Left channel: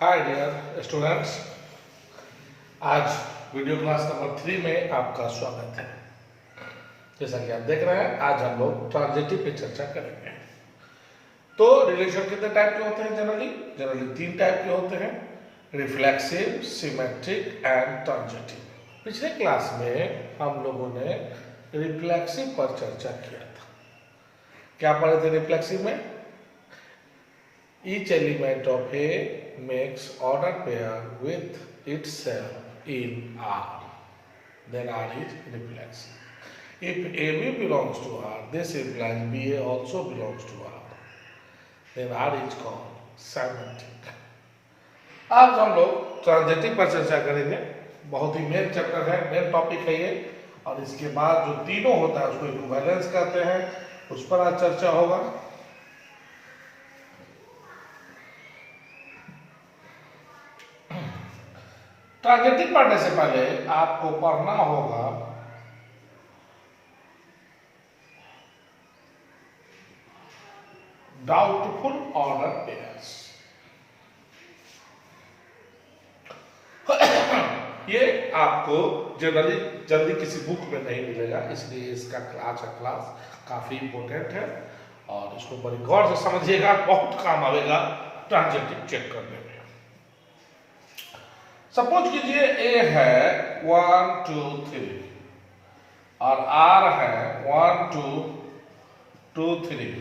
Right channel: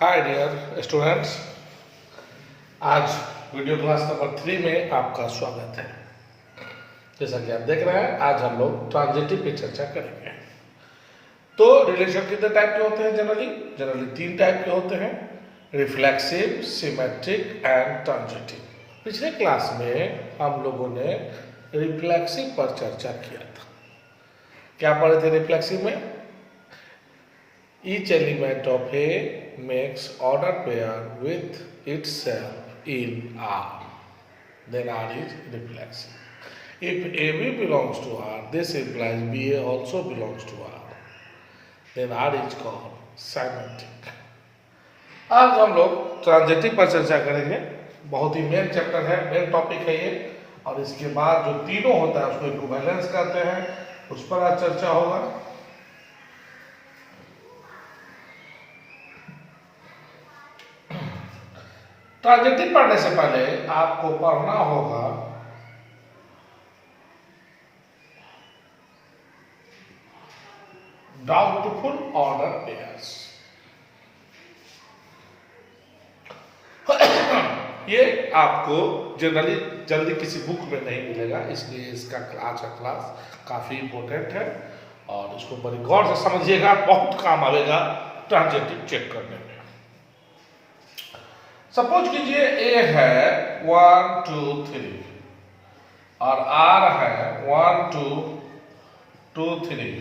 Hi dear students, आज video class number 3 में आपका स्वागत है। जैसा कि आप देख रहे हैं, आज हम लोग ट्रांजिटिव पे चर्चा करेंगे। तो रिलेशन कितने टाइप के होते हैं? जनरली 3 टाइप के होते हैं, रिफ्लेक्सिव, सिमेट्रिक एंड ट्रांजिटिव। पिछले क्लास में हम लोगों ने रिफ्लेक्सिव पर चर्चा किया था। क्या पढ़े थे रिफ्लेक्सिव में? Each element of A makes order pair with itself in R. Then R is reflexive. If AB belongs to R, this implies BA also belongs to R. Then R is called symmetric. आज हम लोग transitive पर चर्चा करेंगे। बहुत ही main chapter है, main topic है ये। और इसके बाद जो तीनों होता है उसको इक्विवेलेंस कहते हैं, उस पर आज चर्चा होगा। ट्रांजिटिव पढ़ने से पहले आपको पढ़ना होगा डाउटफुल ऑर्डर पेयर्स। ये आपको जनरली जल्दी किसी बुक में नहीं मिलेगा, इसलिए इसका क्लास काफी इंपॉर्टेंट है और इसको बड़ी गौर से समझिएगा, बहुत काम आएगा ट्रांजिटिव चेक करने में। सपोज कीजिए ए है 1 2 3 और आर है 1 2 2 3।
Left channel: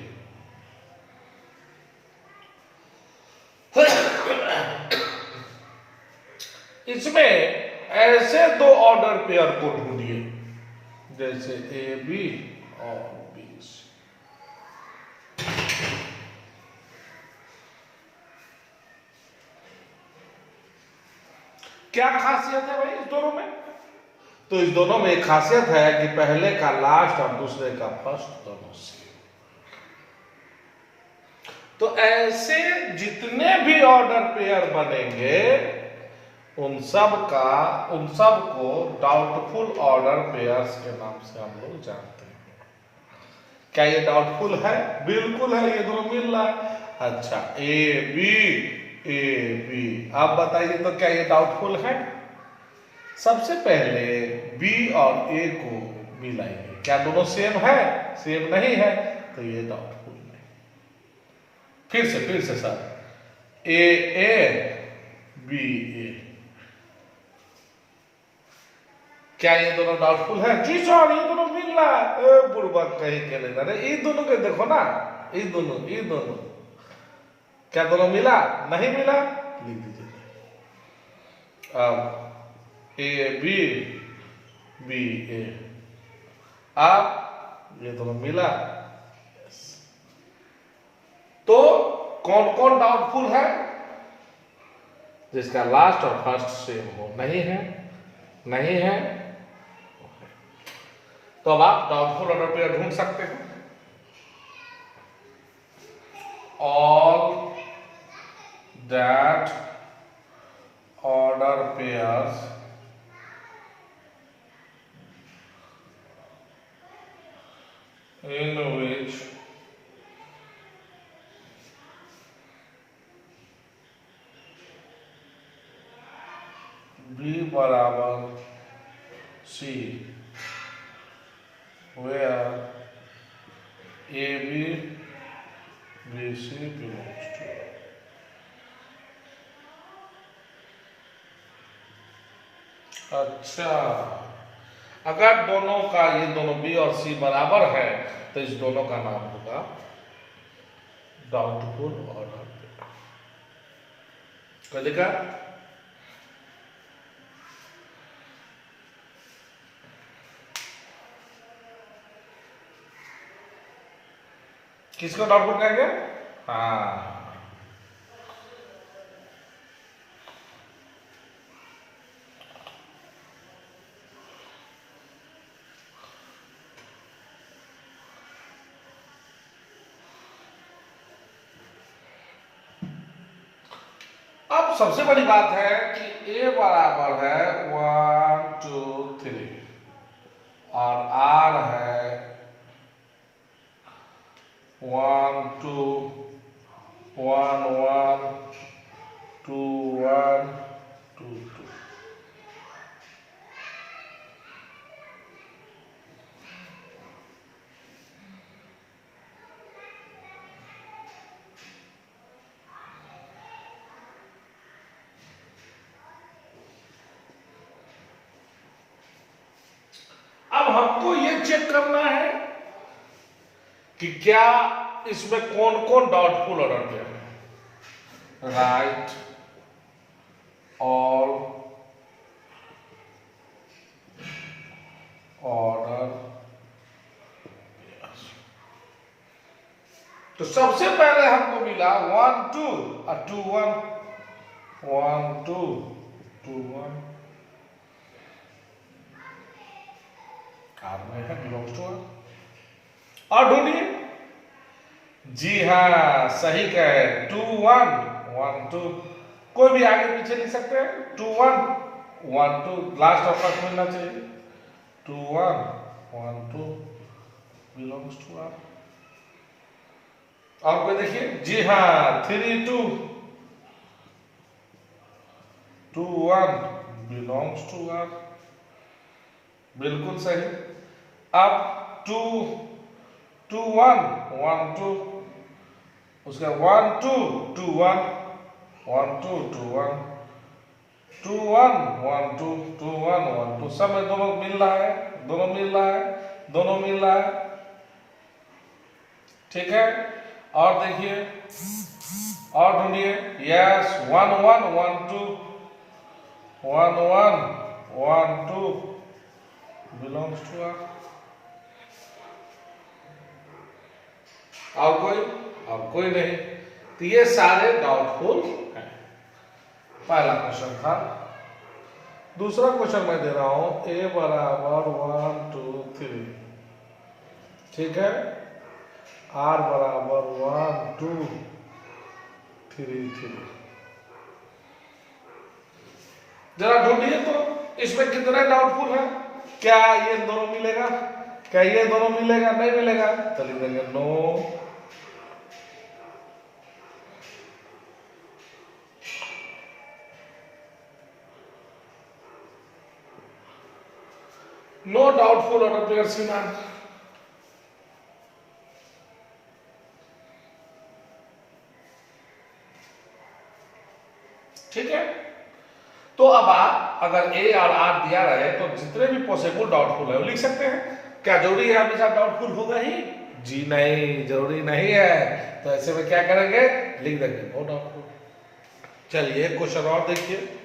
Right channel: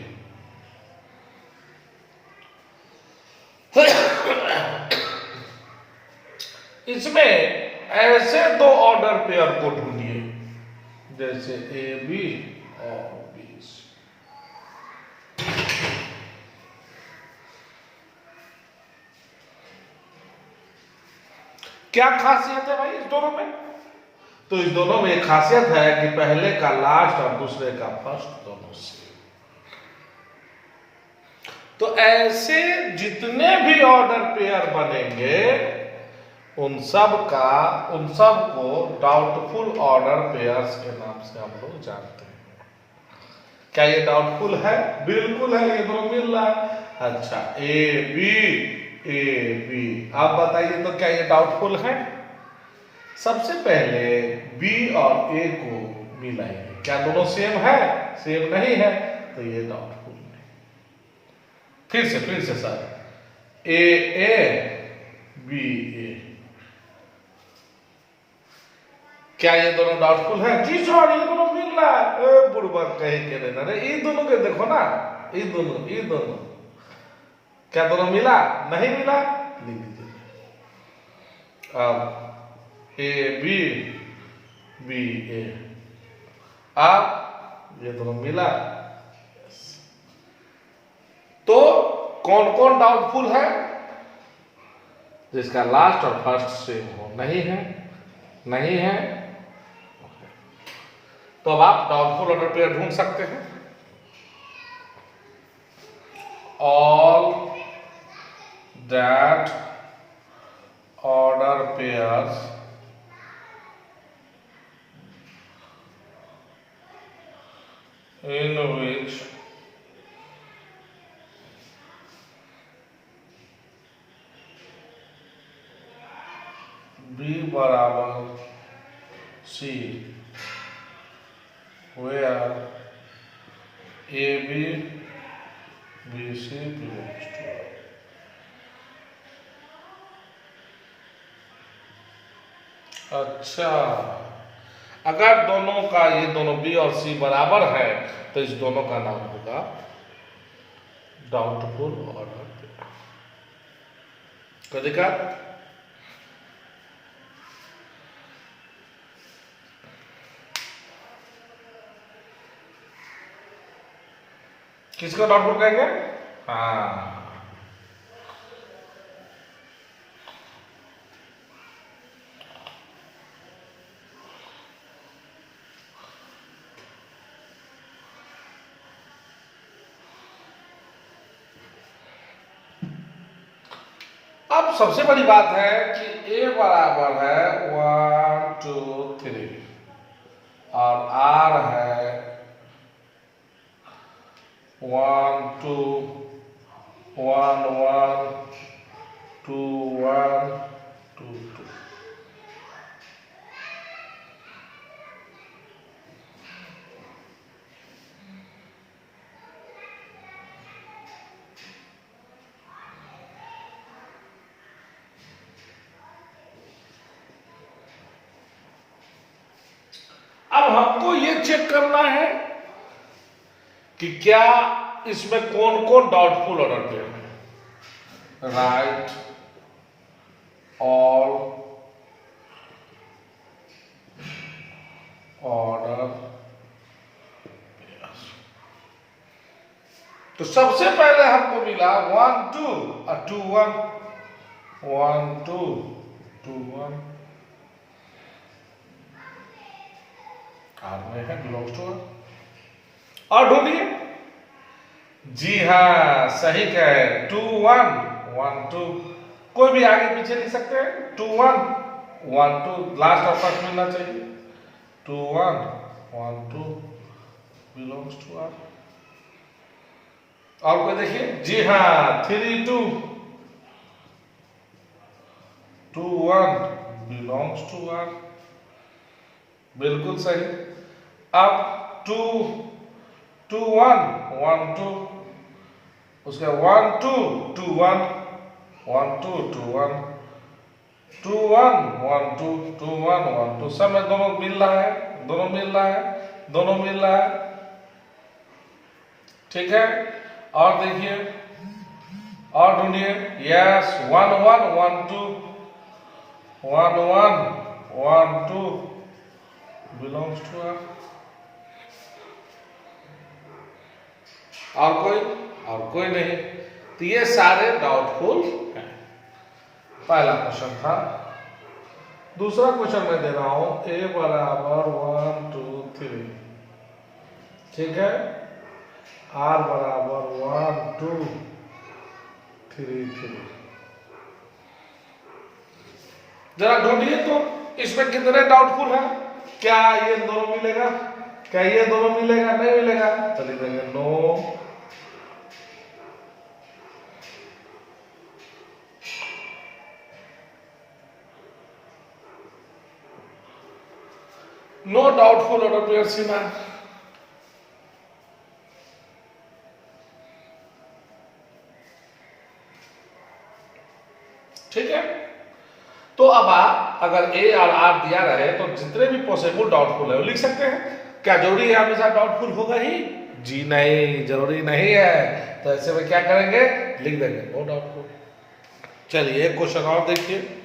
इसमें ऐसे दो ऑर्डर पेयर को ढूंढिए जैसे ए बी और बी सी। क्या खासियत है भाई इस दोनों में? तो इस दोनों में एक खासियत है कि पहले का लास्ट और दूसरे का फर्स्ट दोनों सेम। तो ऐसे जितने भी ऑर्डर पेयर बनेंगे उन सब को डाउटफुल ऑर्डर पेयर्स के नाम से हम लोग जानते हैं। क्या ये डाउटफुल है? बिल्कुल है, ये दोनों मिल रहा है। अच्छा, ए बी, आप बताइए तो क्या ये डाउटफुल है? सबसे पहले बी और ए को मिलाएंगे, क्या दोनों सेम है? सेम नहीं है, तो ये डाउटफुल नहीं। फिर से सर, ए बी ए, क्या ये दोनों डाउटफुल है? जी सर, ये दोनों मिल रहा है। बुड़बक कहीं के लेना रे, ये दोनों के देखो ना, ये दोनों क्या दोनों मिला? नहीं मिला, लिख दीजिए। अब ए बी ए, अब ये दोनों मिला। तो कौन कौन डाउटफुल है? जिसका लास्ट और फर्स्ट सेम हो। नहीं है। तो अब आप डाउटफुल ऑर्डर पेयर ढूंढ सकते हैं। All that order pairs in which B बराबर C where AB BC belongs to। अच्छा, अगर दोनों का ये दोनों बी और सी बराबर है तो इस दोनों का नाम होगा डाउटफुल ऑर्डर पेयर। क्या देखा? किसको डाउटफुल कहेंगे? हाँ, अब सबसे बड़ी बात है कि ए बराबर है 1 2 3 और आर है 1 2 1 1 2 हमको ये चेक करना है कि क्या इसमें कौन कौन डाउटफुल ऑर्डर पे है। Right all order. तो सबसे पहले हमको मिला 1 2 और 2 1, 1 2 2 1 और में है बिलोंग्स टू। और ढूंढिए। जी हाँ, सही कहे, 2 1 1 2। कोई भी आगे पीछे लिख सकते हैं। 2 1 1 2 लास्ट ऑप्शन मिलना चाहिए। 2 1 1 2 बिलोंग्स टू आर। और कोई देखिए। जी हाँ, 3 2 2 1 बिलोंग्स टू आर। बिल्कुल सही। अब 2 2 1 1 2, उसका 1 2 2 1 1 2 2 1 2 1 1 2 2 1 1 2। सब में दोनों मिल रहा है, दोनों मिल रहा है, दोनों मिल रहा है। ठीक है। और देखिए, और ढूंढिए। Yes, 1 1 1 2 1 1 1 2 belongs to R. और कोई? और कोई नहीं। तो ये सारे डाउटफुल हैं। पहला क्वेश्चन था। दूसरा क्वेश्चन मैं दे रहा हूं, a बराबर 1 2 3। ठीक है। r बराबर 1 2 3 3। जरा ढूंढिए तो इसमें कितने डाउटफुल हैं। क्या ये दोनों मिलेगा? क्या ये दोनों मिलेगा? नहीं मिलेगा तो लिख देंगे no. No doubtful order pair सीमा। ठीक है। तो अब आप अगर ए और आर दिया रहे तो जितने भी पॉसिबल डाउटफुल है वो लिख सकते हैं। क्या जरूरी है हमेशा डाउटफुल होगा ही? जी नहीं, जरूरी नहीं है। तो ऐसे में क्या करेंगे? लिख देंगे नो डाउटफुल। चलिए एक क्वेश्चन और देखिए।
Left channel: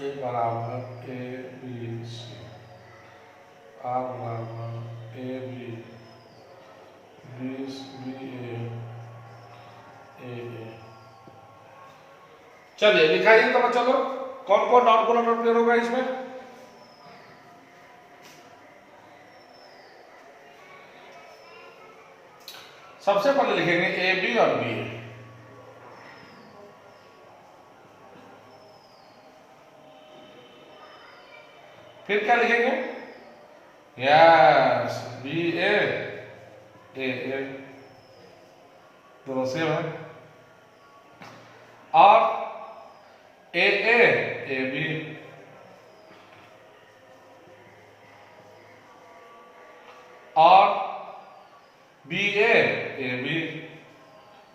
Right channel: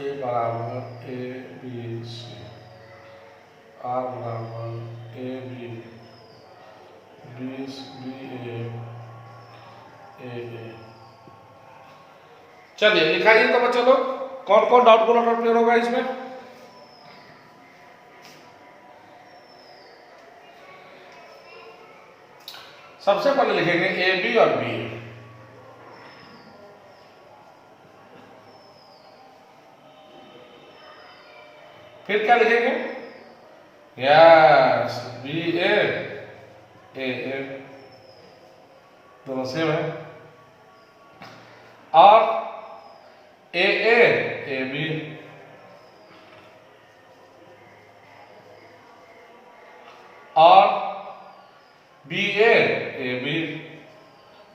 ए बराबर ए बी सी, आर बराबर ए बी बी ए। चलिए लिखाइए तो बच्चों लोग, कौन कौन डाउटफुल ऑर्डर क्लियर होगा इसमें। सबसे पहले लिखेंगे ए बी और बी ए। फिर क्या लिखेंगे? यस, बी ए दोनों सेम है। और ए बी। और बी ए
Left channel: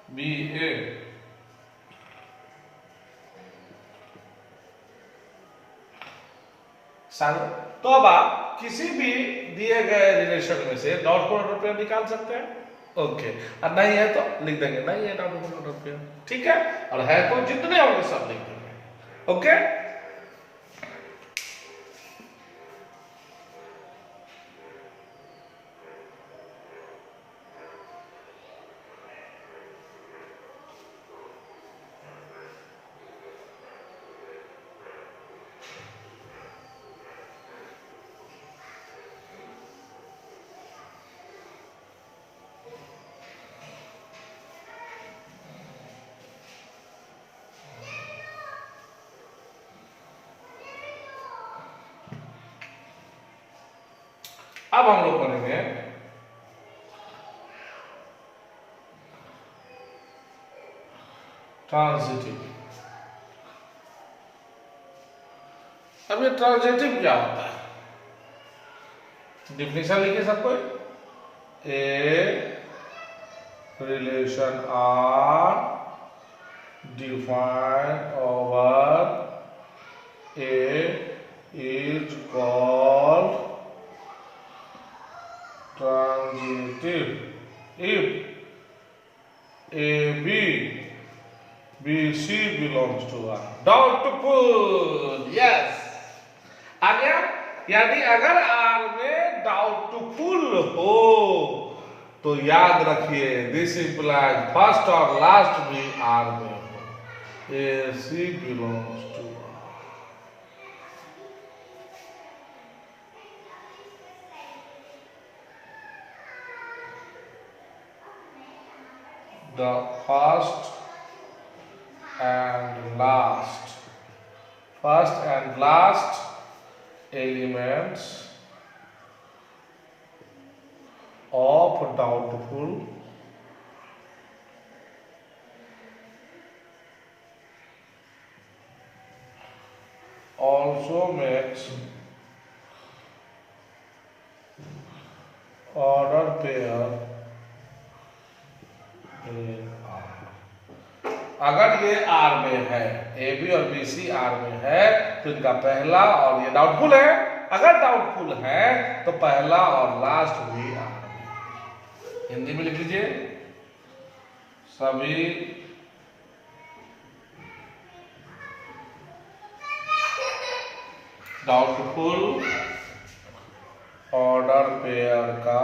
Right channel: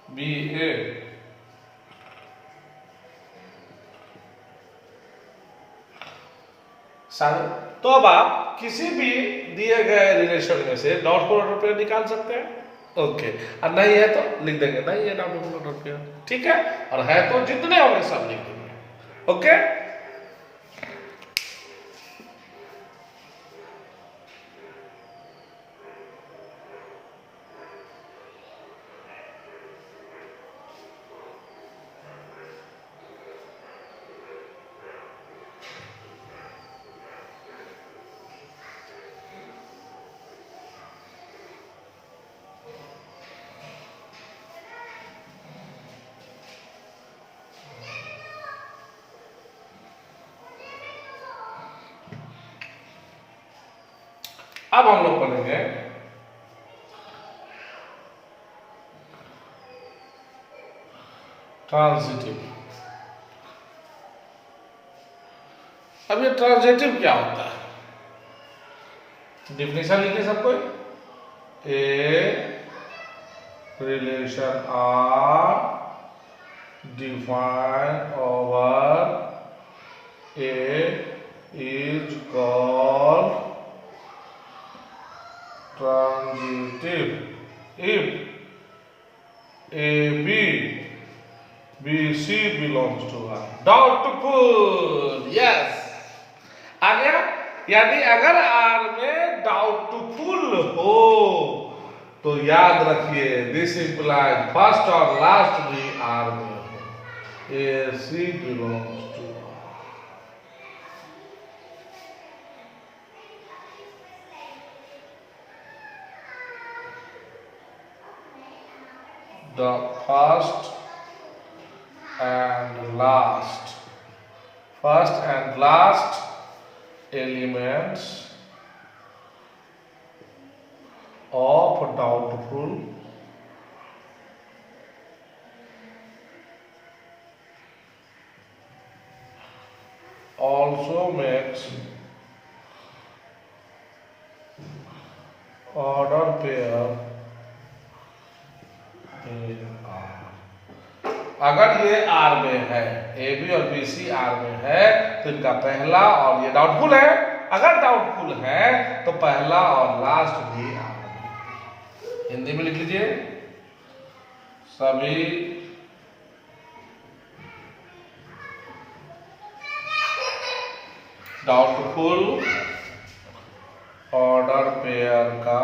बी ए। तो अब आप किसी भी दिए गए रिलेशन में से डाउटफुल ऑर्डर पेयर निकाल सकते हैं। ओके। और नहीं है तो लिख देंगे नहीं है डाउटफुल ऑर्डर पेयर। ठीक है। और है तो जितने होंगे सब लिख देंगे। ओके। अब हम लोग पढ़ेंगे ट्रांजिटिव। अब ये ट्रांजिटिव क्या होता है? डिफिनेशन लिखिए सब कोई। A relation R defined over A is called transitive if A B C belongs to R. Doubtful, yes आ गया। यानी अगर आर में डाउटफुल हो तो याद रखिए दिस इंप्लाइज फर्स्ट और लास्ट भी आर में हो। A C belongs to R. The first and last elements of doubtful also makes order pair in R। अगर ये आर में है, ए बी और बी सी आर में है, तो इनका पहला और ये डाउटफुल है। अगर डाउटफुल है तो पहला और लास्ट भी आर में। हिंदी में लिख लीजिए, सभी डाउटफुल ऑर्डर पेयर का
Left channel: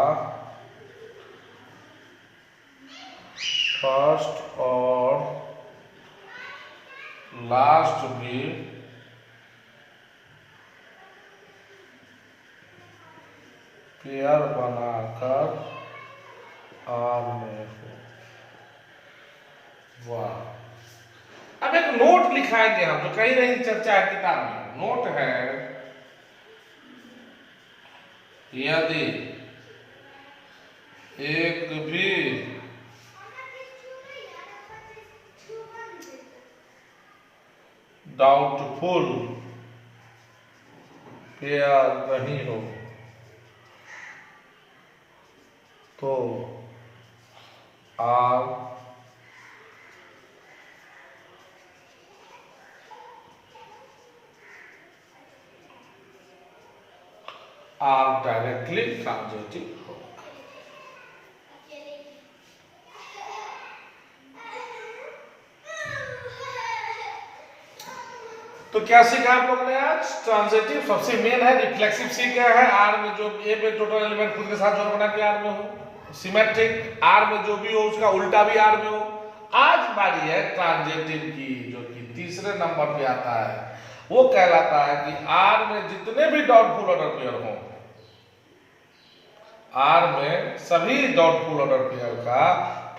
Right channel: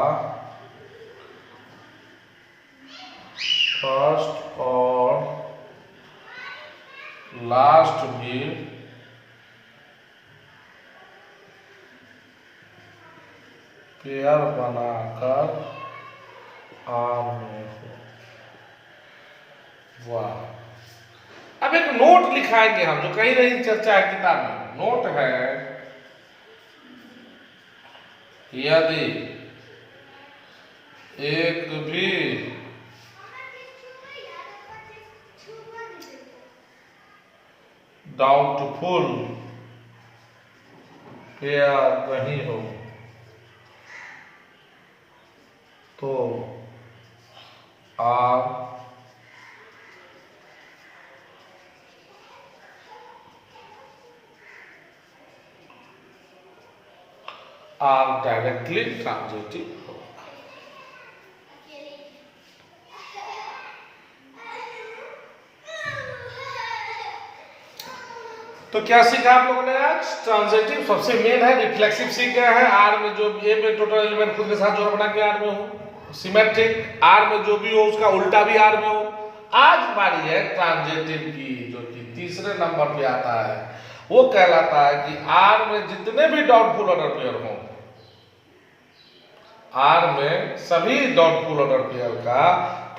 फर्स्ट और लास्ट भी पेयर बनाकर आर में हो। वाह। अब एक नोट लिखाएंगे हम, जो कहीं नहीं चर्चा है किताब में। नोट है, यदि एक भी डाउटफुल पेयर नहीं हो तो आर डायरेक्टली ट्रांजिटिव हो। तो क्या सीखा आप लोगों ने आज? ट्रांजिटिव सबसे मेन है। रिफ्लेक्सिव सीख गया है, आर में जो ए में टोटल एलिमेंट खुद के साथ जोड़ बना के आर में हो। सिमेट्रिक, आर में जो भी हो उसका उल्टा भी आर में हो। आज बारी है ट्रांजिटिव की, जो कि तीसरे नंबर पे आता है। वो कहलाता है कि आर में जितने भी डाउटफुल ऑर्डर पेयर हो, आर में सभी डाउटफुल ऑर्डर पेयर का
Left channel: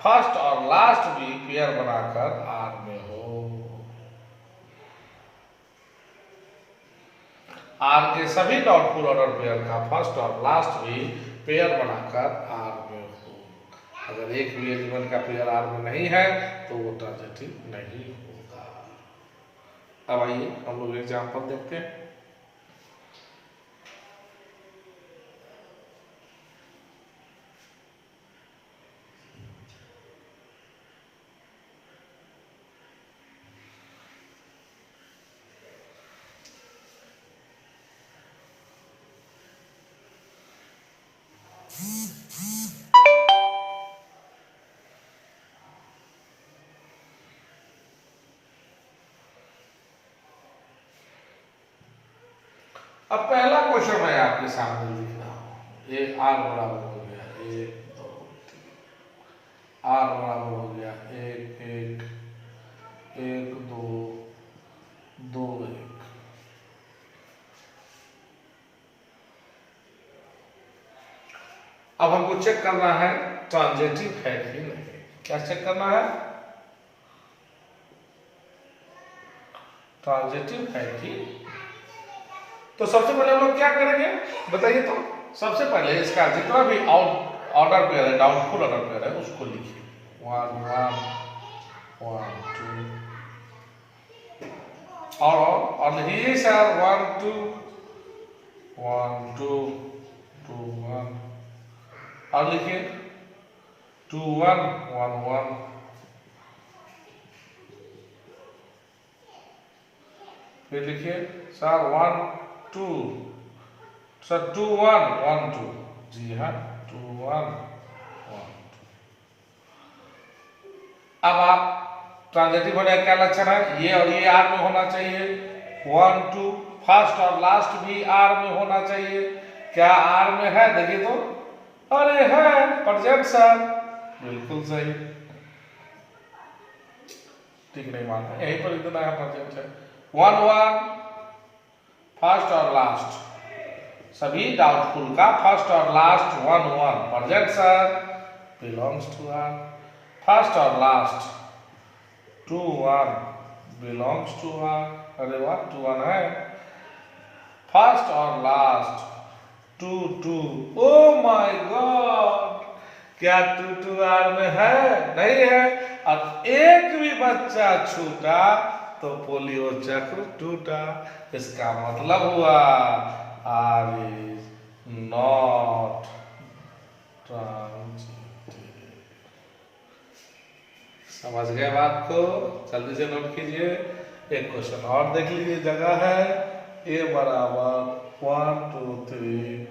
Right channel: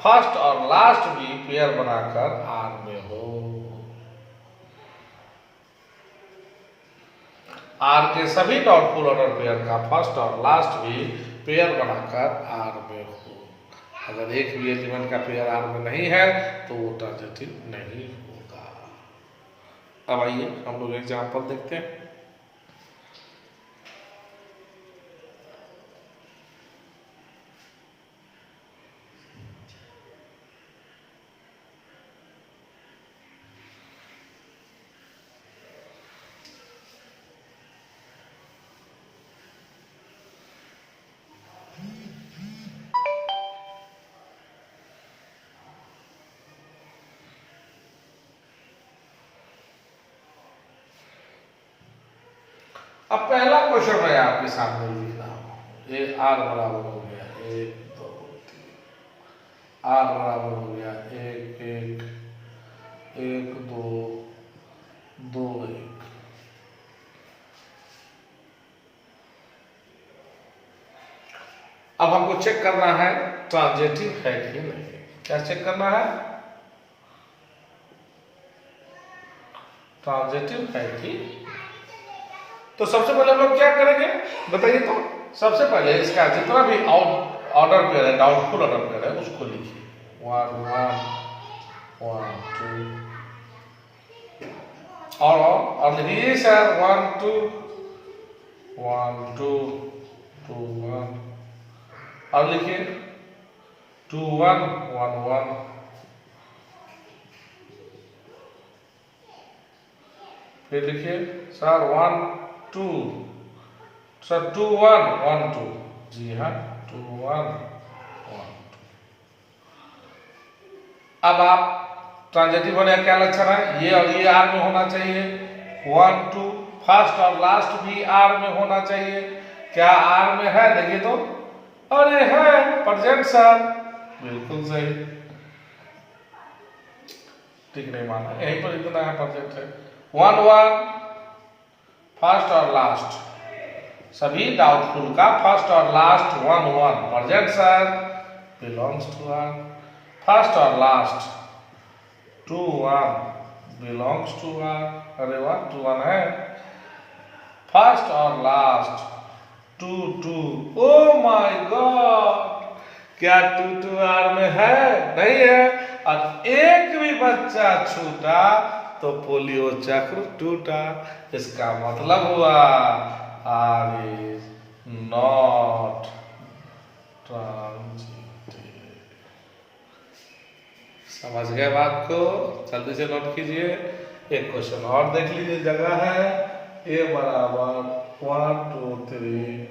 फर्स्ट और लास्ट भी पेयर बनाकर आर में हो। आर के सभी डाउटफुल ऑर्डर पेयर का फर्स्ट और लास्ट भी पेयर बनाकर आर में हो। अगर एक भी एलिमेंट का पेयर आर में नहीं है तो वो ट्रांजिटिव नहीं होगा। अब आइए हम लोग एग्जाम्पल देखते हैं। अब पहला क्वेश्चन है आपके सामने लिख रहा हूं। ये आर बराबर हो गया 1 2 3, आर बराबर हो गया 1 1 1 2 2 1। अब हमको चेक करना है ट्रांजिटिव है कि नहीं। क्या चेक करना है? ट्रांजिटिव है कि। तो सबसे पहले हम लोग क्या करेंगे बताइए। तो सबसे पहले इसका जितना भी ऑर्डर पेयर है, डाउटफुल ऑर्डर पेयर है, उसको लिखिए। 1 1 1 2 और लिखिए सर 1 2 1 2 2 1, और लिखिए 2 1 1 1, फिर लिखिए सर 1 2, सर 2 1 1 2, जी हाँ 2 1 1। अब आप ट्रांजिटिव होने का क्या लक्षण है, ये और ये आर में होना चाहिए, 1 2 फर्स्ट और लास्ट भी आर में होना चाहिए। क्या आर में है, देखिए तो, अरे है प्रेजेंट सर, बिल्कुल सही, ठीक नहीं माना, यहीं पर इतना है प्रेजेंट है। 1 1 फर्स्ट और लास्ट सभी डाउटफुल का फर्स्ट और last 1 1 present sir, belongs to R. First और लास्ट 2 1 बिलोंग्स टू आर, अरे वाह 2 1 है। फर्स्ट और लास्ट 2 2, ओ माय गॉड, क्या 2 2 आर में है, नहीं है, और एक भी बच्चा छूटा तो पोलियो चक्र टूटा। इसका मतलब हुआ आर इज नॉट ट्रांजिटिव। समझ गए बात को, जल्दी से नोट कीजिए। एक क्वेश्चन और देख लीजिए, जगह है ए बराबर 1 2 3,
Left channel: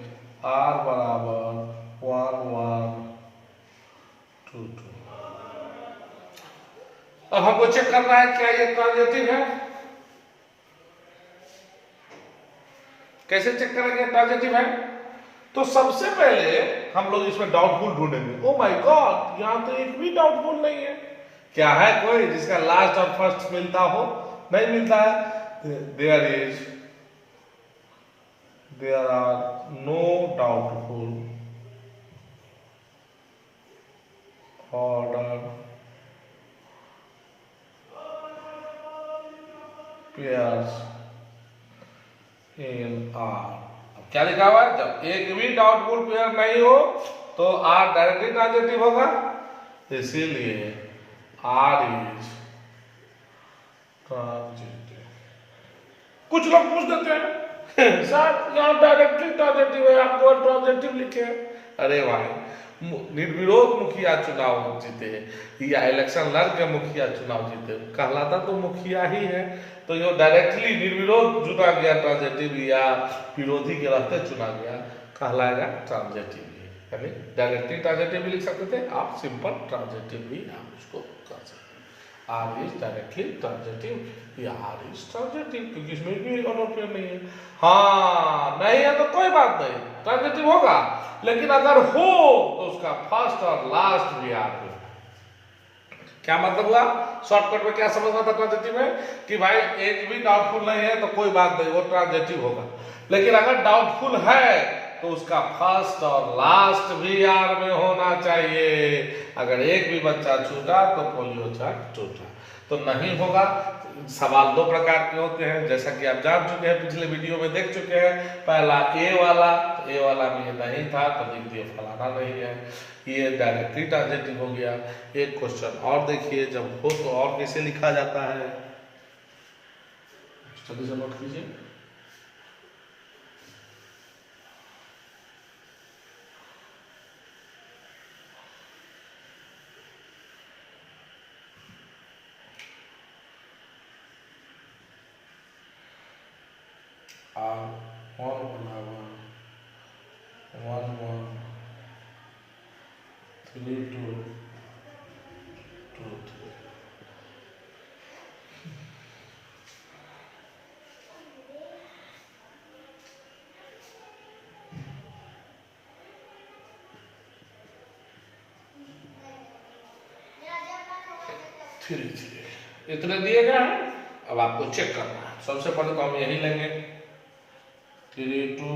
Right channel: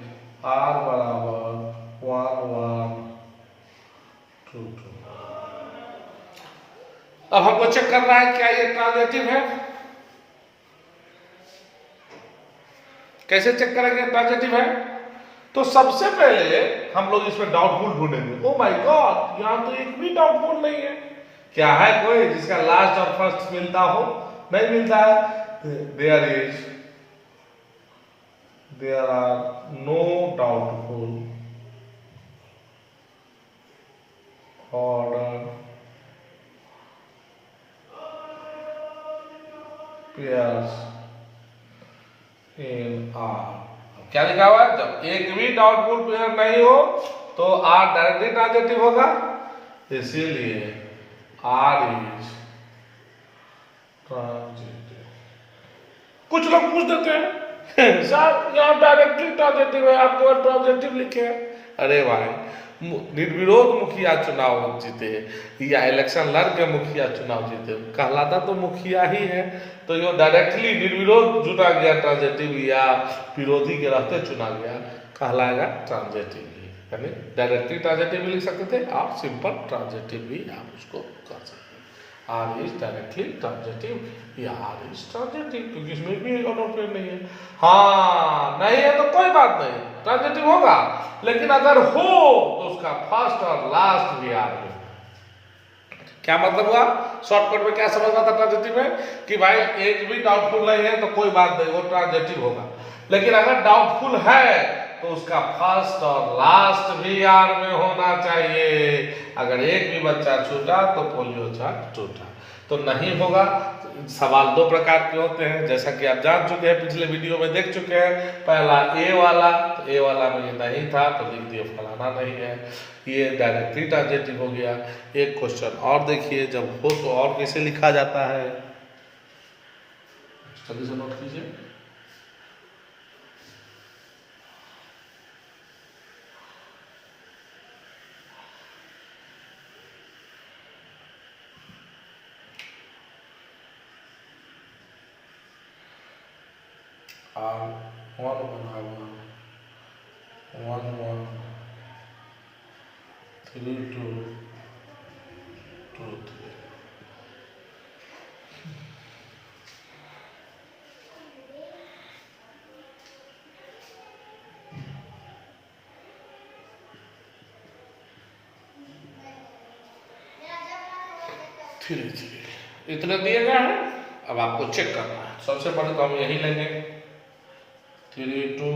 आर बराबर 1 1 2 2। अब हमको चेक करना है क्या ये ट्रांजिटिव है। कैसे चेक करेंगे ट्रांजिटिव है, तो सबसे पहले हम लोग इसमें डाउटफुल ढूंढेंगे। ओ माय गॉड, यहां तो एक भी डाउटफुल नहीं है। क्या है कोई जिसका लास्ट और फर्स्ट मिलता हो, नहीं मिलता है। There are no doubtful order pairs in R. क्या लिखा हुआ है, जब एक भी डाउटफुल पेयर नहीं हो तो आर डायरेक्टली ट्रांजिटिव होगा, इसीलिए आर इज ट्रांजिटिव। कुछ लोग पूछ देते हैं सर यहाँ डायरेक्टली ट्रांजिटिव है, आप केवल ट्रांजिटिव लिखे हैं। अरे भाई, निर्विरोध मुखिया चुनाव जीते या इलेक्शन लड़ के मुखिया चुनाव जीते, कहलाता तो मुखिया ही है, तो ये डायरेक्टली निर्विरोध चुना गया ट्रांजिटिव या विरोधी के रहते चुना गया, कहलाएगा ट्रांजिटिव ही। यानी डायरेक्टली ट्रांजिटिव भी लिख सकते थे आप, सिंपल ट्रांजिटिव भी आप उसको कर सकते। आर इज डायरेक्टली ट्रांजिटिव या आर इज ट्रांजिटिव, क्योंकि इसमें भी ऑनोफेयर नहीं है। हाँ नहीं है तो कोई बात नहीं, ट्रांजिटिव होगा, लेकिन अगर हो तो उसका फर्स्ट और लास्ट भी आर में। क्या मतलब हुआ, शॉर्टकट में क्या समझना था ट्रांजिटिव में, कि भाई एक भी डाउटफुल नहीं है तो कोई बात नहीं, वो ट्रांजिटिव होगा। लेकिन अगर डाउटफुल है तो उसका फर्स्ट और लास्ट भी आर में होना चाहिए। अगर एक भी बच्चा छूटा तो पोलियो चक्र टूटा, तो नहीं होगा। सवाल दो प्रकार के होते हैं, जैसा कि आप जान चुके हैं, पिछले वीडियो में देख चुके हैं। पहला ए वाला, तो ए वाला में ये नहीं था तो लिख दिए फलाना नहीं है, ये डायरेक्टली ट्रांजिटिव हो गया। एक क्वेश्चन और देखिए, जब हो तो और कैसे लिखा जाता है, जल्दी से नोट कीजिए। और 1 बराबर 1 1 3 2 2 3। थ्री थ्री इतने दिए गए हैं। अब आपको चेक करना है, सबसे पहले तो हम यही लेंगे 3 2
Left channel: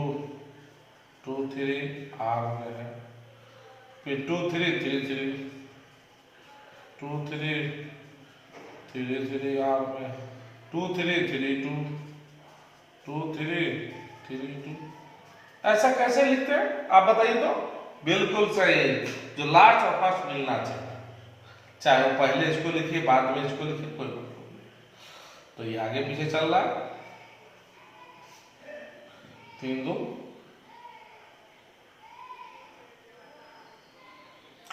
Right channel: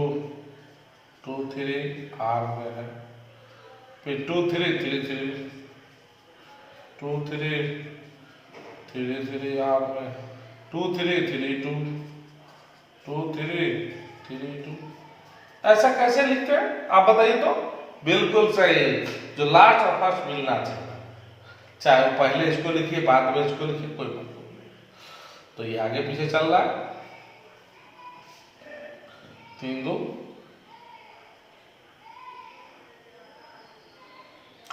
2 3 आर में है, फिर 2 3 3 3 2 3 3 3 आर में, 2 3 3 2 2 3 3 2। ऐसा कैसे लिखते हैं आप बताइए तो। बिल्कुल सही, जो लास्ट और फर्स्ट मिलना चाहिए, चाहे वो पहले इसको लिखिए बाद में इसको लिखिए, कोई मतलब नहीं। तो ये आगे पीछे चल रहा है, 3 2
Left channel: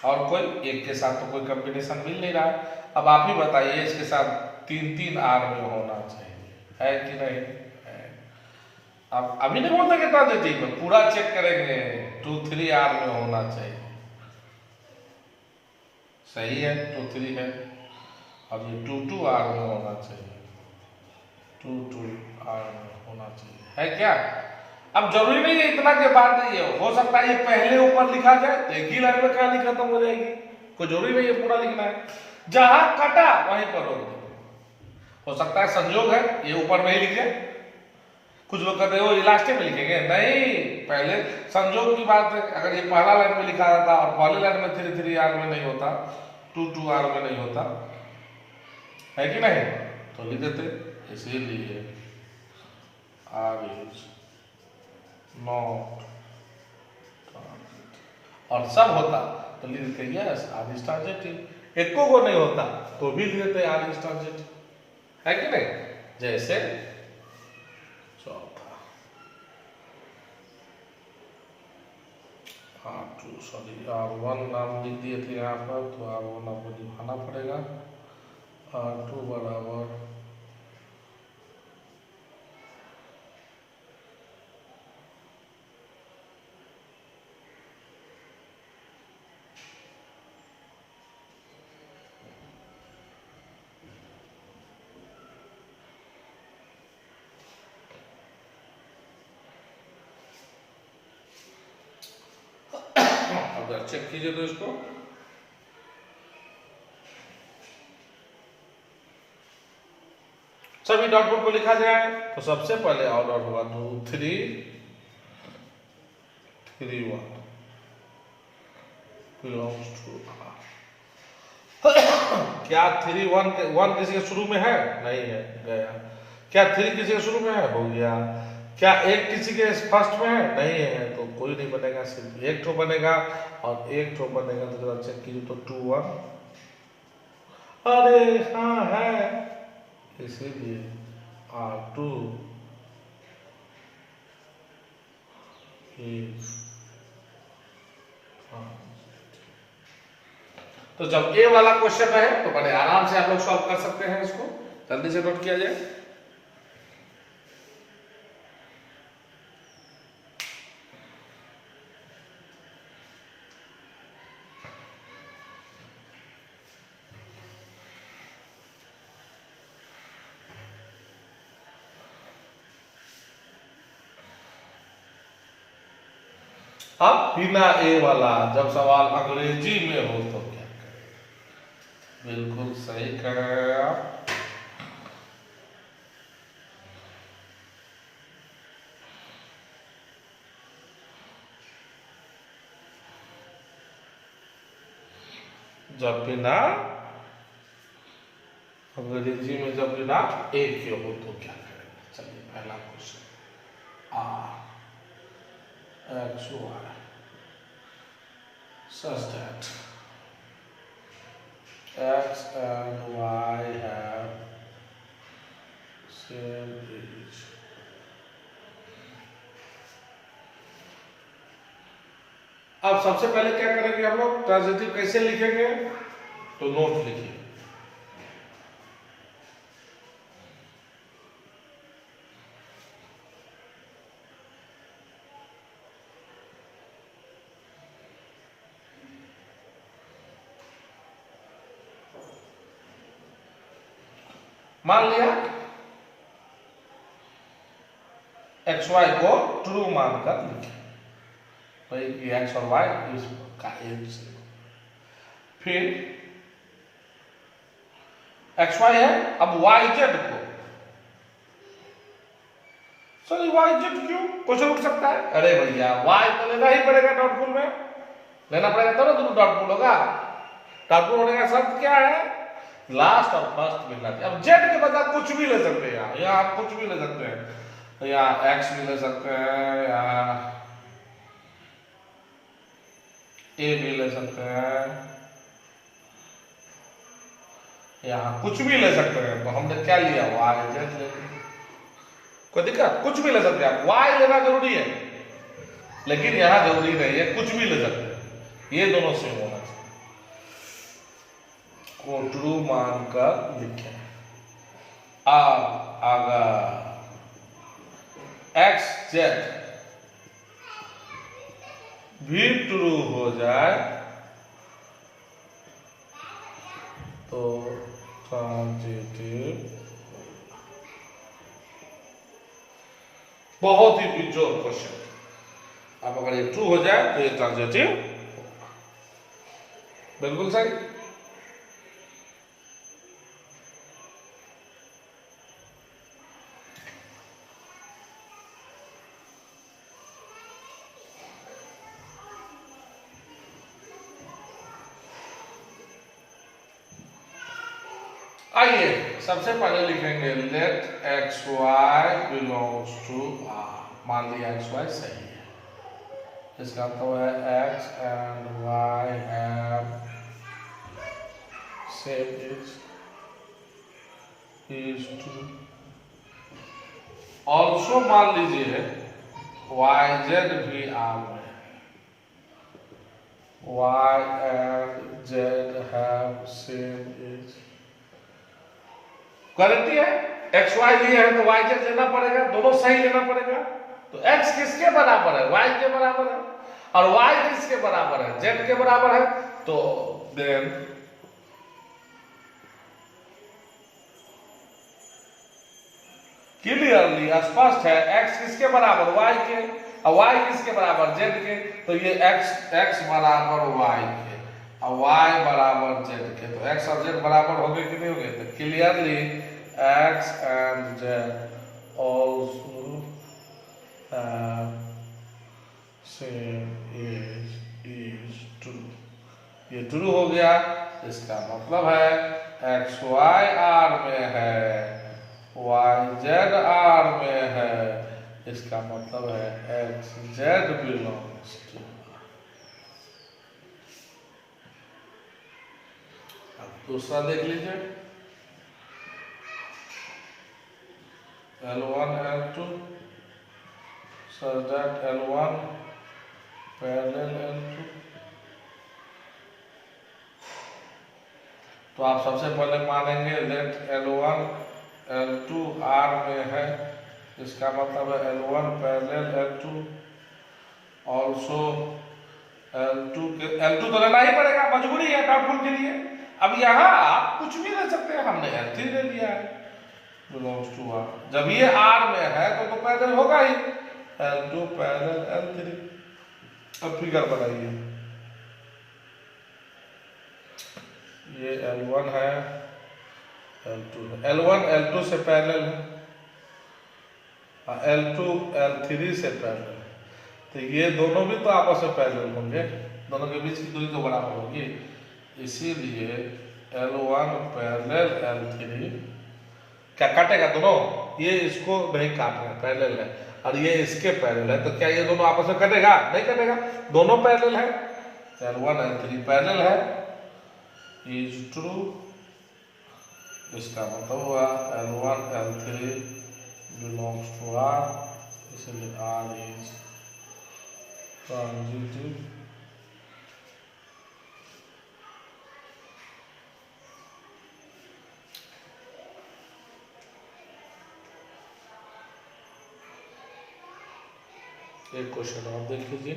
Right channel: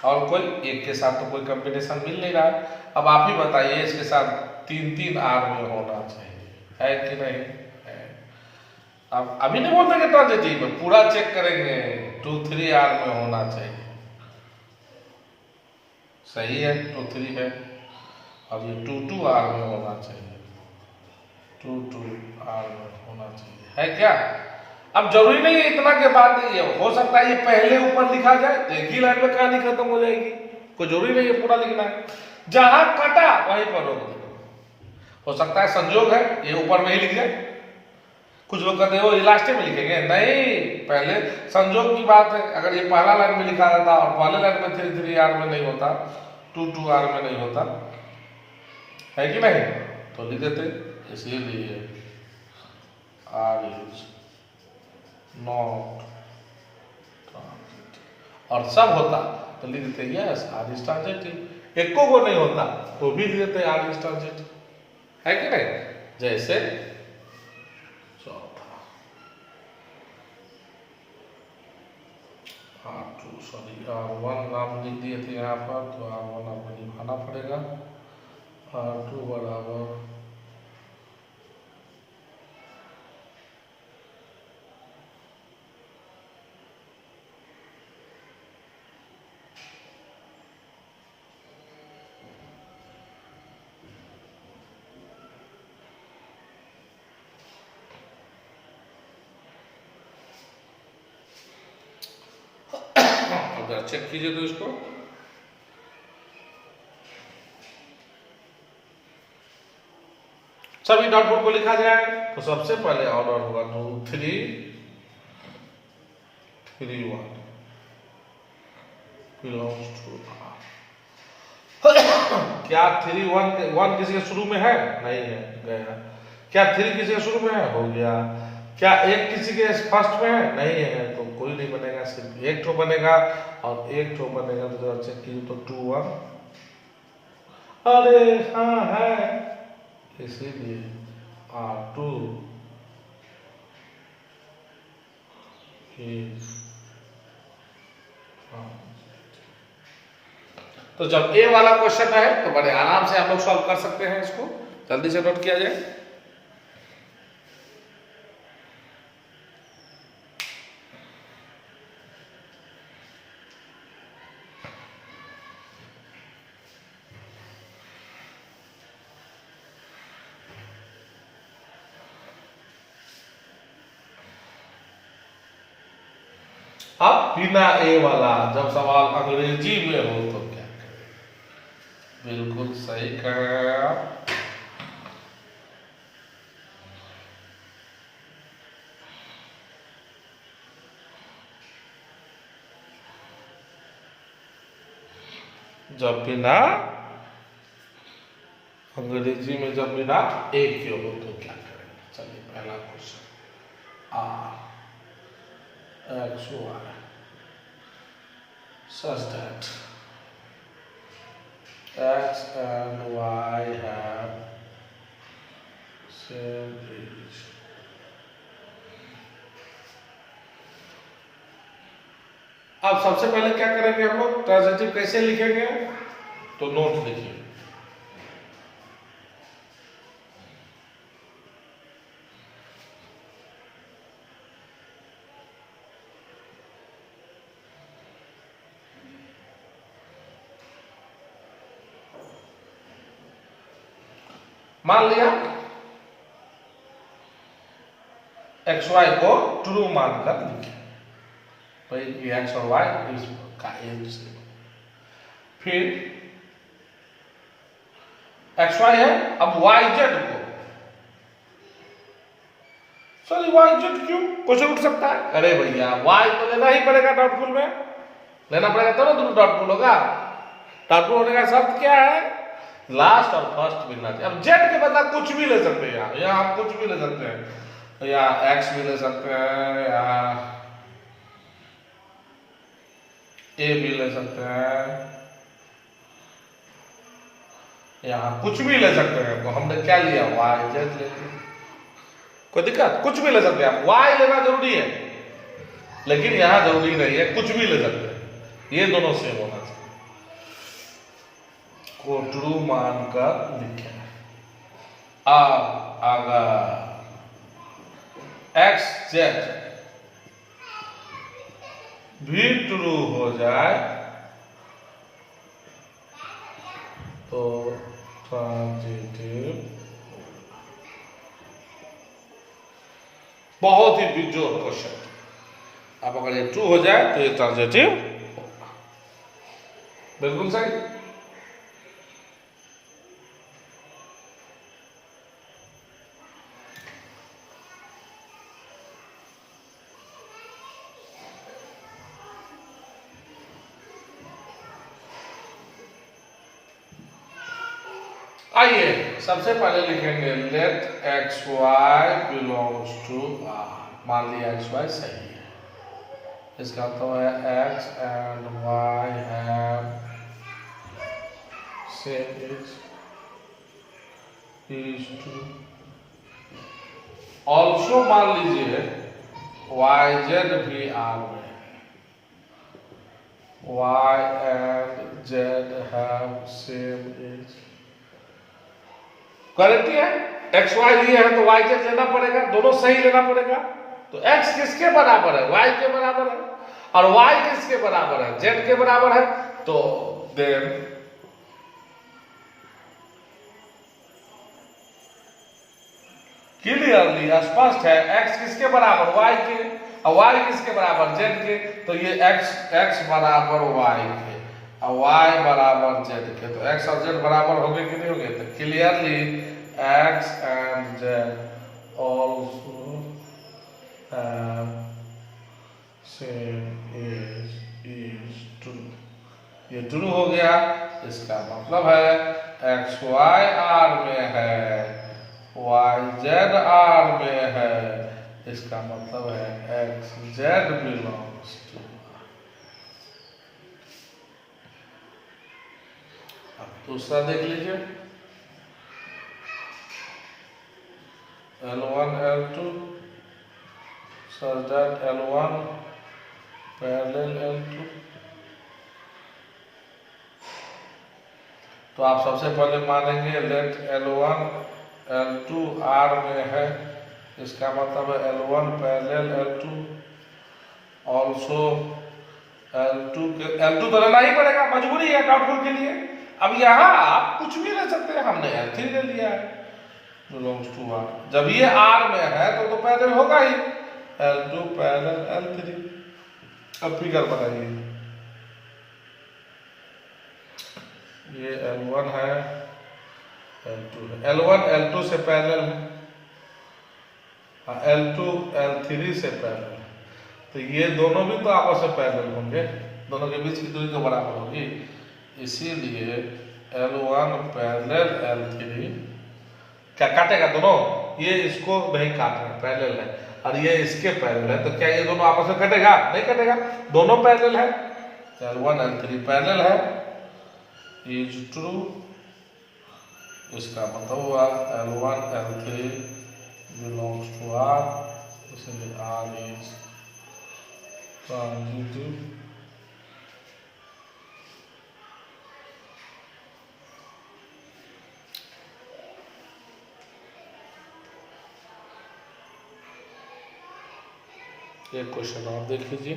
और कोई एक के साथ तो कोई कॉम्बिनेशन मिल नहीं रहा है। अब आप ही बताइए, इसके साथ 3-3 आर में होना चाहिए, है कि नहीं है? अब अभी नहीं बोलते कि ट्रांजिटिव में, पूरा चेक करेंगे, 2-3 आर में होना चाहिए। सही है, 2-3 है। अब ये 2-2 आर में होना चाहिए, 2-2 आर में होना चाहिए, है क्या? अब जरूरी नहीं है इतना के बाद नहीं है, हो सकता है ये पहले ऊपर लिखा जाए तो एक ही लाइन में कहानी खत्म हो जाएगी। कोई जरूरी नहीं है पूरा लिखना है, जहां कटा वहीं पर रोक देना। हो सकता है संजोग है ये ऊपर में ही लिख जाए। कुछ लोग कहते हैं वो लास्ट में लिखेंगे, नहीं, पहले संजोग की बात है। अगर ये पहला लाइन में लिखा जाता और पहले लाइन में 3-3 आर में नहीं होता, 2-2 आर में नहीं होता, है कि नहीं, तो लिख देते। इसीलिए आर इज नॉट ट्रांजिटिव, और सब होता तो लिख देते यस आर इज ट्रांजिटिव। एको को नहीं होता तो भी लिख देते आर इज ट्रांजिटिव, है कि नहीं? जैसे चौथा R1 नाम लिख दिए थे यहाँ पर, तो R1 आपको लिखाना पड़ेगा। R2 बराबर अगर चेक कीजिए तो इसको, सभी डॉट को लिखा जाए तो सबसे पहले ऑर्डर होगा 2-3-3-1 बिलोंग्स टू R। क्या 3-1 किसी के शुरू में है? नहीं है, गया। क्या 3 किसी के शुरू में है? हो गया। क्या 1 किसी के फर्स्ट में है? नहीं है, तो कोई नहीं बनेगा, सिर्फ 1 ठो बनेगा, और 1 ठो बनेगा तो जरा चेक कीजिए तो 2-1, अरे हाँ है, इसीलिए R2 is तो जब ए वाला क्वेश्चन है तो बड़े आराम से हम लोग सॉल्व कर सकते हैं इसको। जल्दी से नोट किया जाए। अब बिना ए वाला जब सवाल अंग्रेजी में हो तो क्या करें? बिल्कुल सही कह रहे हैं आप। जब बिना अंग्रेजी में जब बिना ए के हो तो क्या करें? चलिए पहला question, R X Y such that X and Y have same age। अब सबसे पहले क्या करेंगे हम लोग? ट्रांजिटिव कैसे लिखेंगे? तो नोट लिखिए। मान लिया एक्स वाई को ट्रू मानकर लिखे, तो एक्स और वाई का एज से, फिर एक्स वाई है, अब वाई जेड को, सर वाई जेड क्यों? क्वेश्चन उठ सकता है, अरे भैया वाई तो लेना ही पड़ेगा, डाउटफुल में लेना पड़ेगा तब ना दोनों डाउटफुल होगा। डाउटफुल होने का शर्त क्या है? लास्ट और फर्स्ट मिलना चाहिए। अब जेड के बदला कुछ भी ले सकते हैं, यहाँ आप कुछ भी ले सकते हैं, या एक्स भी ले सकते हैं, या ए भी ले सकते हैं, यहाँ कुछ भी ले सकते हैं। तो हमने क्या लिया? वाई जेड ले लिया, कोई दिक्कत? कुछ भी ले सकते हैं आप, वाई लेना जरूरी है, लेकिन यहाँ जरूरी नहीं है, कुछ भी ले सकते हैं, ये दोनों सेम होना चाहिए। को ट्रू मानकर लिखें। अब अगर एक्स जेड भी ट्रू हो जाए तो ट्रांजिटिव, बहुत ही बेजोड़ क्वेश्चन। अब अगर ये ट्रू हो जाए तो ये ट्रांजिटिव, बिल्कुल सही। आइए सबसे पहले लिखेंगे let X Y belongs to R. मान लिया एक्स वाई सही है, इसका तो है X and Y have same इज टू। ऑल्सो मान लीजिए वाई जेड भी आर में, Y and Z have same इज। गारंटी है, एक्स वाई लिए है तो वाई जेड लेना पड़ेगा, दोनों सही लेना पड़ेगा। तो एक्स किसके बराबर है? वाई के बराबर है। और वाई किसके बराबर है? जेड के बराबर है। तो देन क्लियरली स्पष्ट है एक्स किसके बराबर? वाई के। और वाई किसके बराबर? जेड के। तो ये एक्स बराबर वाई के और वाई बराबर जेड के। तो एक्स और जेड बराबर हो गए कि नहीं हो गए? तो clearly x and Z also same is true. ये ट्रू हो गया, इसका मतलब है एक्स वाई आर में है, वाई जेड आर में है, इसका मतलब है एक्स जेड बिलोंग्स टू। दूसरा देख लीजिए, L1 L2 such that L1 parallel L2। तो आप सबसे पहले मानेंगे लेट L1 L2 R में है, इसका मतलब है L1 parallel L2, also L2 तो लेना ही पड़ेगा, मजबूरी है डाउटफुल के लिए। अब यहाँ आप कुछ भी ले सकते हैं, हमने L3 ले लिया है बिलोंग्स टू R। जब ये R में है तो पैरेलल होगा ही, L2 पैरेलल L3। अब फिगर बनाइए, ये L1 है, L2 है, L1 L2 से पैरेलल है, L2 L3 से पैरेलल है। तो ये दोनों भी तो आपस में पैरेलल होंगे, दोनों के बीच की दूरी तो बराबर होगी, इसीलिए L1 पैरेलल L3 क्या काटेगा? दोनों ये इसको नहीं काट रहे, पैरेलल है, और ये इसके पैरेलल है, तो क्या ये दोनों आपस में कटेगा? नहीं कटेगा, दोनों पैरेलल है। L1 L3 पैरेलल है, इज ट्रू। इसका मतलब हुआ L1 L3 belongs to R, इसलिए R इज ट्रांजिटिव। एक क्वेश्चन और देख लीजिए,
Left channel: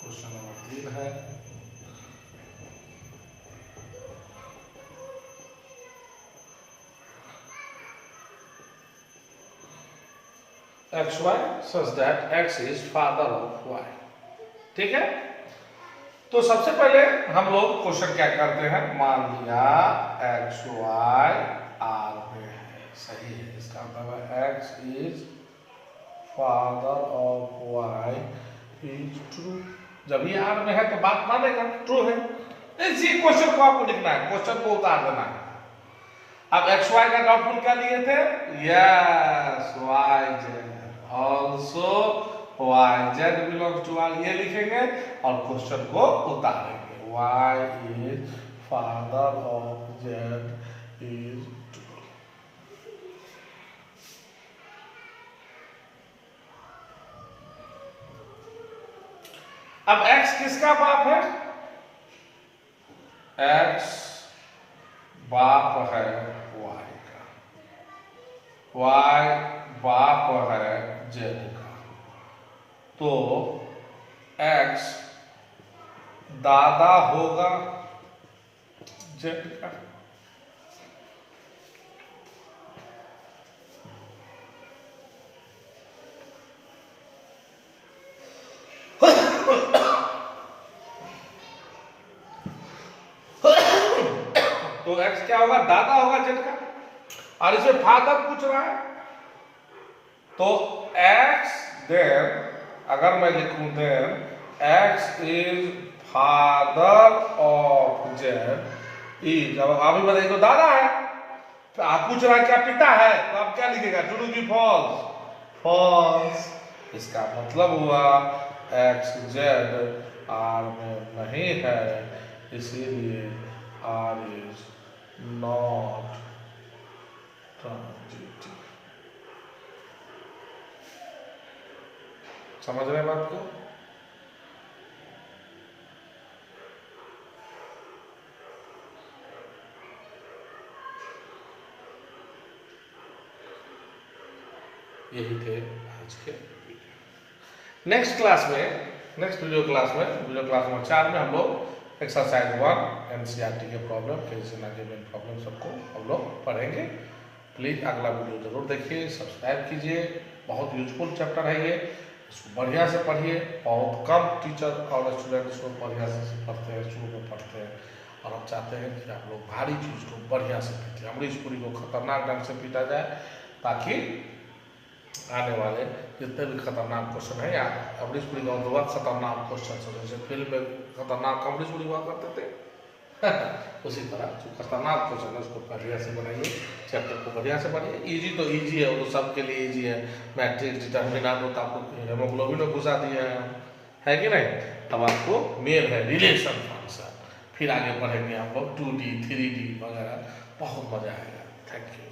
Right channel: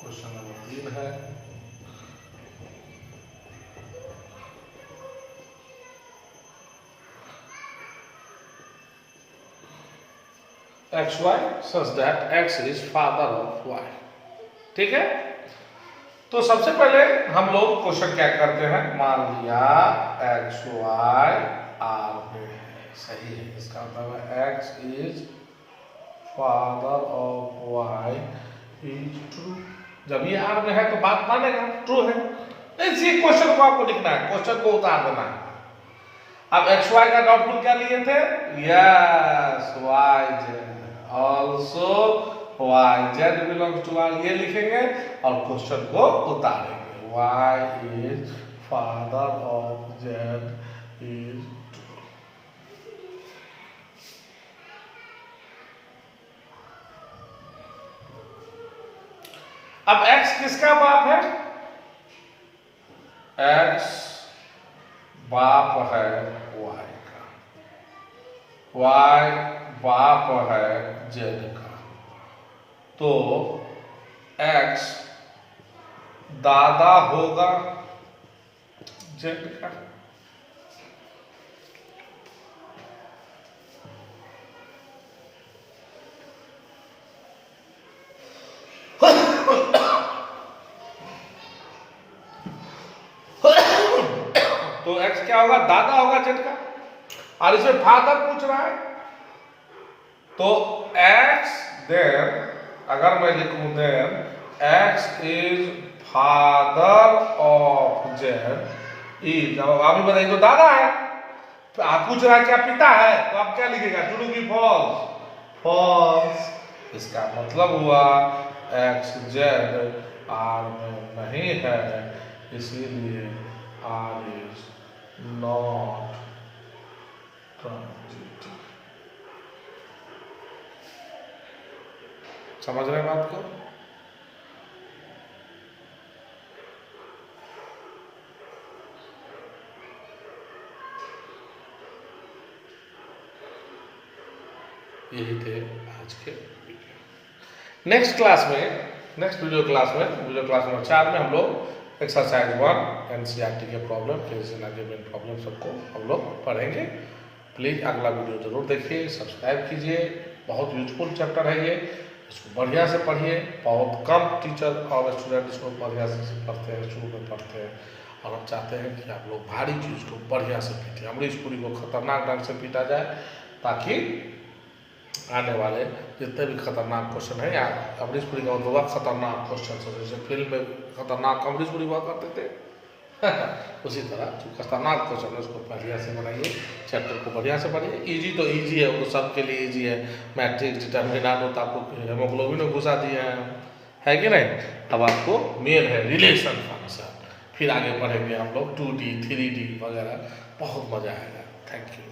क्वेश्चन नंबर 3 है, x y such that x is father of y. ठीक है, तो सबसे पहले हम लोग क्वेश्चन क्या करते हैं, मान लिया एक्स वाई आर में है, सही है, इसका मतलब है x is father of y is true. जब ये आर में है तो बात मानेगा, ट्रू है। इसी क्वेश्चन को आपको लिखना है, क्वेश्चन को उतार देना है। अब एक्स वाई का डॉट क्या लिए थे? Yes, Y Z also Y Z belongs to R, ये लिखेंगे और क्वेश्चन को उतारेंगे। Y is father of Z is. अब x किसका बाप है? x बाप है y का, y बाप है z का, तो x दादा होगा z का। तो x क्या होगा? दादा होगा जेड का, और इसमें फादर पूछ रहा है, तो x देन अगर मैं लिखूं then x is father of Z is, अब अभी बताइए तो दादा है, तो आप पूछ रहा है क्या पिता है, तो आप क्या लिखेगा? ट्रू की फॉल्स? फॉल्स। इसका मतलब हुआ x जेड आर में नहीं है, इसीलिए R is not transitive। समझ रहे हैं बात को? यही थे आज के वीडियो। नेक्स्ट क्लास में, नेक्स्ट वीडियो क्लास नंबर 4 में हम लोग एक्सरसाइज 1 एनसीईआरटी के प्रॉब्लम, गिवन प्रॉब्लम सबको हम लोग पढ़ेंगे। प्लीज़ अगला वीडियो जरूर देखिए, सब्सक्राइब कीजिए, बहुत यूजफुल चैप्टर है ये, इसको बढ़िया से पढ़िए। बहुत कम टीचर और स्टूडेंट इसको बढ़िया से पढ़ते हैं, शुरू में पढ़ते हैं, और हम चाहते हैं कि आप लोग भारी चीज़ को बढ़िया से पीटें, अमरीश पुरी को खतरनाक ढंग से पीटा जाए, ताकि आने वाले जितने भी खतरनाक क्वेश्चन है, या अमरीश पुरी का होगा खतरनाक क्वेश्चन, जैसे फिल्म में खतरनाक अमरीश पुरी हुआ करते थे उसी तरह जो खतरनाक क्वेश्चन है उसको बढ़िया से बनाइए, चैप्टर को बढ़िया से पढ़िए। इजी तो इजी है, वो सबके लिए इजी है। मैट्रिक्स डिटर्मिनेंट होता आपको हेमोग्लोबिन में घुसा दिए है कि नहीं? अब आपको मेन है रिलेशन फंक्शन, फिर आगे पढ़ेंगे हम लोग 2D 3D वगैरह, बहुत मजा आएगा। Thank you.